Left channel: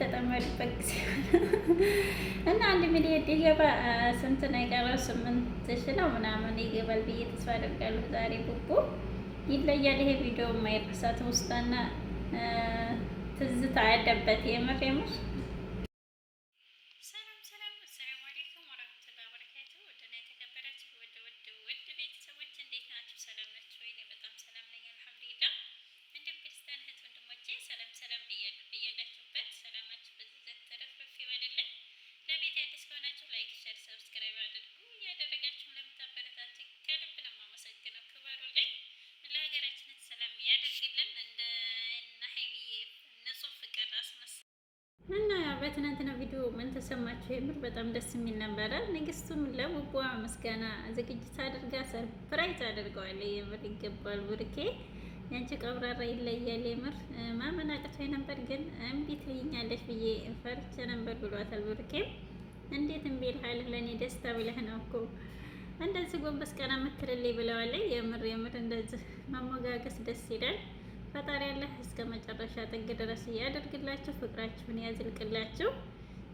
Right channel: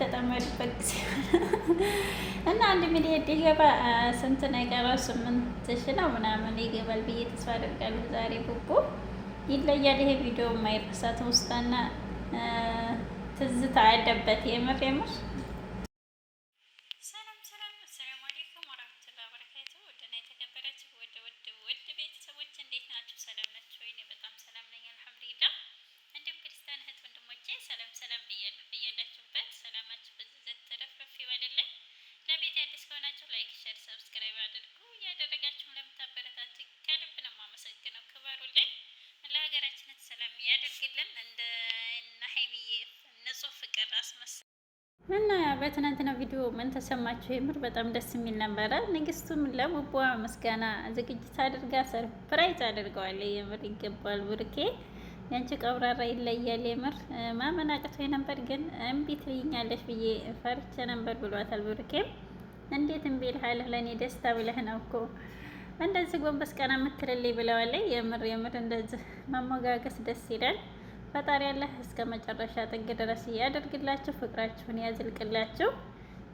የተጠመዱበት ጊዜ እና 1 ሚሊዮን ሊገባ ስንት ነገር 8 ሺህ ነው ምናምን ይገባል ብዬ ተስፋ አደርጋለሁ። ዛሬ ቡቡ ይለያል። ይሄ ቪዲዮ የማይረሳ ትውስታና ትዝታ ያለበት የምር የምር እና በትናንትና ቪዲዮ ምን ተሰማችሁ? የምር በጣም ደስ የሚል ነበረ። ንግስቱም ለቡቧ ምስጋና ዝግጅት አድርጋ ሰርፕራይዝ አድርገዋል። የምር ይገባል ብሩኬ፣ ያንቺ ቀብራራ ይለያል። የምር ማመን አቅቶኝ ነበር፣ ግን እምቢ ትይኛለሽ ብዬ ፈርቼ ነበር ብሏታል። ብሩኬም እንዴት እምቢ እልሃለሁ? ለእኔ ደስታ ብለህ ነው እኮ እንደዚህ ጎንበስ ቀና የምትልልኝ ብለዋለች። የምር የምር እንደዚህ መሞጋገስ ደስ ይላል። ፈጣሪ ያለህ እስከ መጨረሻ ጥግ ድረስ ያደርግላችሁ፣ ፍቅራችሁን ያዝልቅላችሁ።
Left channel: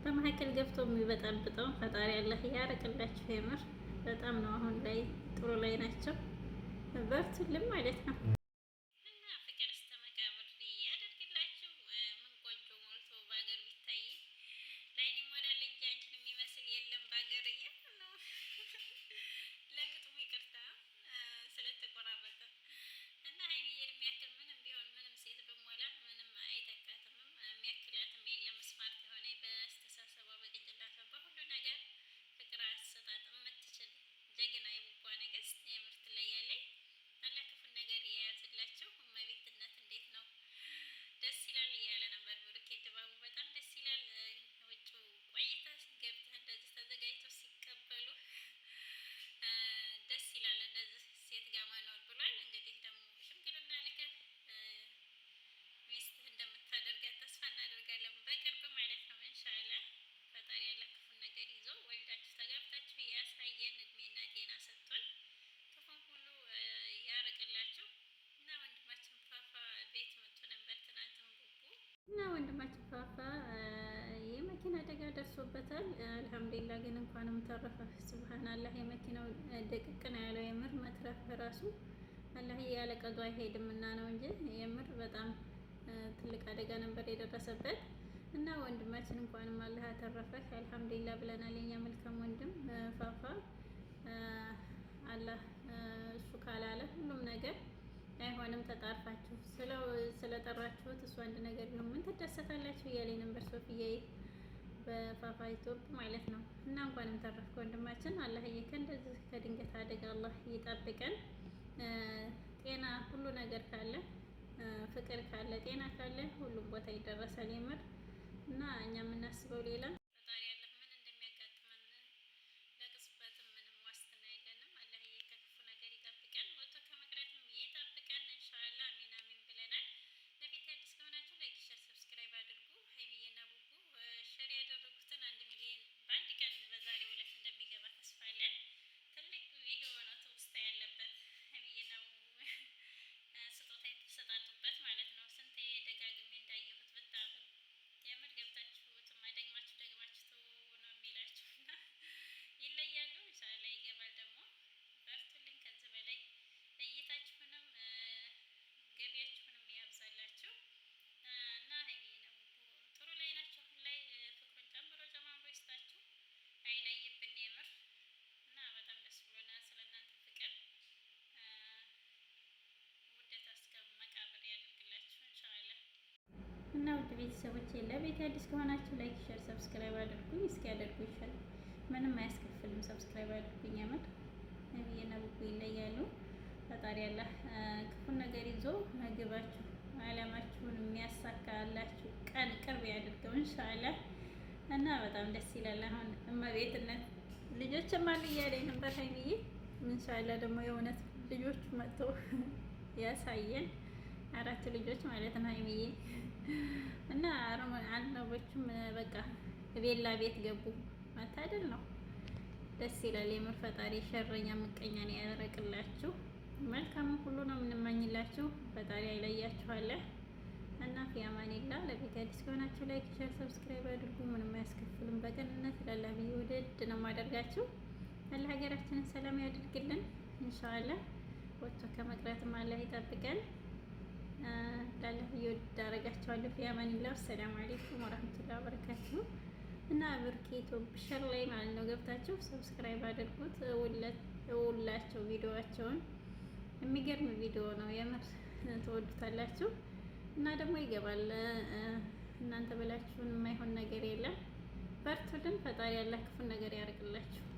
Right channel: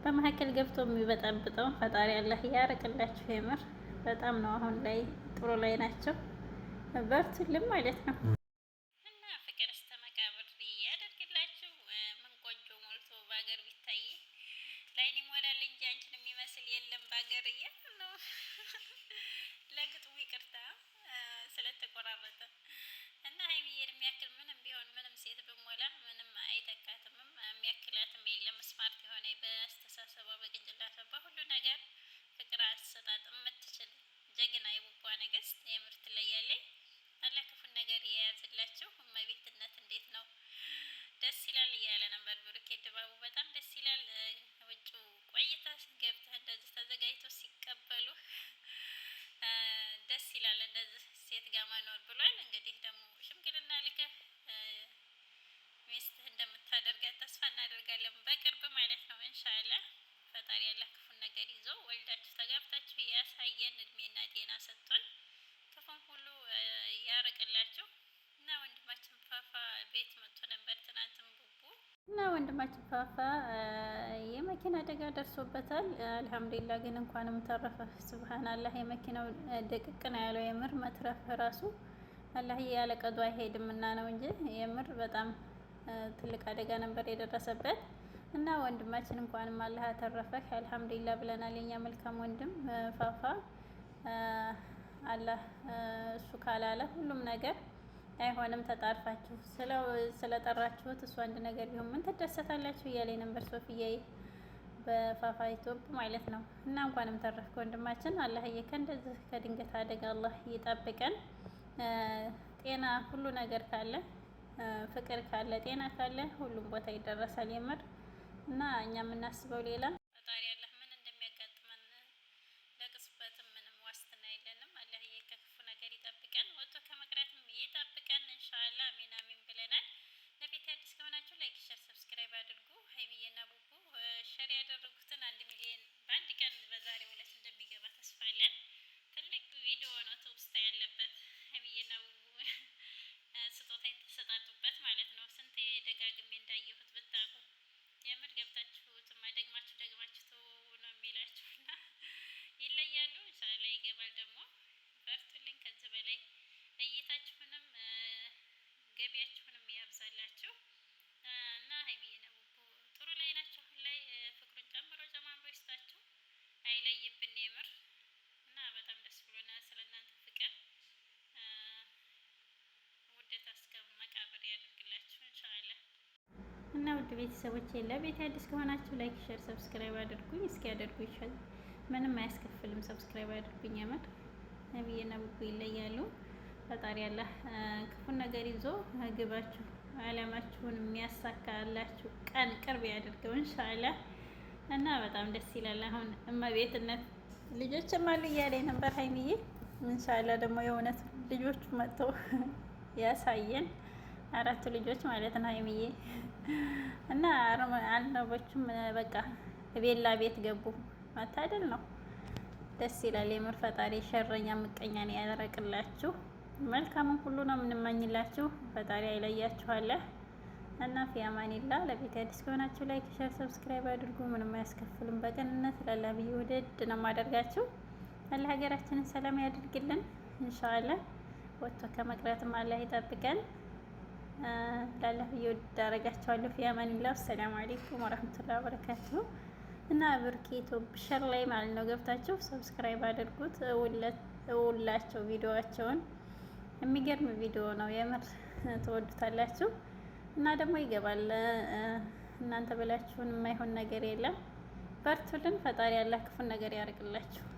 በመካከል ገብቶ የሚበጣብጠው ፈጣሪ ያለህ ያርቅላችሁ። የምር በጣም ነው አሁን ላይ ጥሩ ላይ ናቸው። በርቱልም ማለት ነው። እና ወንድማችን ፋፋ የመኪና አደጋ ደርሶበታል። አልሐምዱሊላህ ግን እንኳንም ተረፈ። ሱብሃንአላህ የመኪናው ደቅቅ ነው ያለው። የምር መትረፍ ራሱ አላህ ያለ ቀዱ አይሄድም እና ነው እንጂ የምር በጣም ትልቅ አደጋ ነበር የደረሰበት። እና ወንድማችን እንኳንም አላህ አተረፈህ አልሐምዱሊላህ ብለናል። የኛ መልካም ወንድም ፋፋ አላህ እሱ ካላለ ሁሉም ነገር አይሆንም። ተጣርፋችሁ ስለጠራችሁት እሱ አንድ ነገር ቢሆን ምን ትደሰታላችሁ እያለኝ ነበር ሶፊያ በፋፋ ዩቲዩብ ማለት ነው። እና እንኳንም ተረፍክ ወንድማችን። አላህዬ ከእንደዚህ ከድንገት አደጋ አላህ ይጠብቀን። ጤና ሁሉ ነገር ካለ ፍቅር ካለ ጤና ካለ ሁሉም ቦታ ይደረሳል የምር። እና እኛ የምናስበው ሌላ እና ውድ ቤተሰቦቼ ለቤት አዲስ ከሆናችሁ ላይክ፣ ሼር፣ ሰብስክራይብ አድርጉኝ። እስኪ ያደርጉ ይሻል፣ ምንም አያስከፍልም። ሰብስክራይብ አድርጉኝ። የምር ነብይና ቡቡ ይለያሉ። ፈጣሪ አላህ ክፉን ነገር ይዞ ግባችሁ አላማችሁን የሚያሳካላችሁ ቀን ቅርብ ያድርገው ኢንሻአላህ። እና በጣም ደስ ይላል። አሁን እመቤትነት ልጆችም አሉ እያለኝ ነበር ሀይሚዬ። ኢንሻአላህ ደግሞ የእውነት ልጆቹ መጥተው ያሳየን። 4 ልጆች ማለት ነው ሀይሚዬ። እና አልነቦቹም በቃ ቤላ ቤት ገቡ። መታደል ነው። ደስ ይላል የምር። ፈጣሪ ሸረኛ ምቀኛን ያደረቅላችሁ። መልካሙን ሁሉ ነው የምንመኝላችሁ። ፈጣሪ አይለያችኋለህ። እና ፊያማኒላ ለቤት አዲስ ከሆናችሁ ላይክ፣ ሼር፣ ሰብስክራይብ አድርጉ። ምንም አያስከፍልም። በቅንነት ላላ ብዬ ወደድ ነው ማደርጋችሁ። አላህ ሀገራችንን ሰላም ያድርግልን ኢንሻአላህ። ወጥቶ ከመቅረትም አላህ ይጠብቀን። ላላ ብዬ ወደድ አደርጋችኋለሁ። ፊያማኒላ። ሰላም አለይኩም ወራህመቱላሂ ወበረካቱሁ። እና ብርኬቶ ሸር ላይ ማለት ነው ገብታችሁ ሰብስክራይብ አድርጉት። እውላቸው ቪዲዮዋቸውን የሚገርም ቪዲዮ ነው የምር ትወዱታላችሁ። እና ደግሞ ይገባል። እናንተ ብላችሁን የማይሆን ነገር የለም። በርቱልን። ፈጣሪ ያለ ክፉን ነገር ያርቅላችሁ።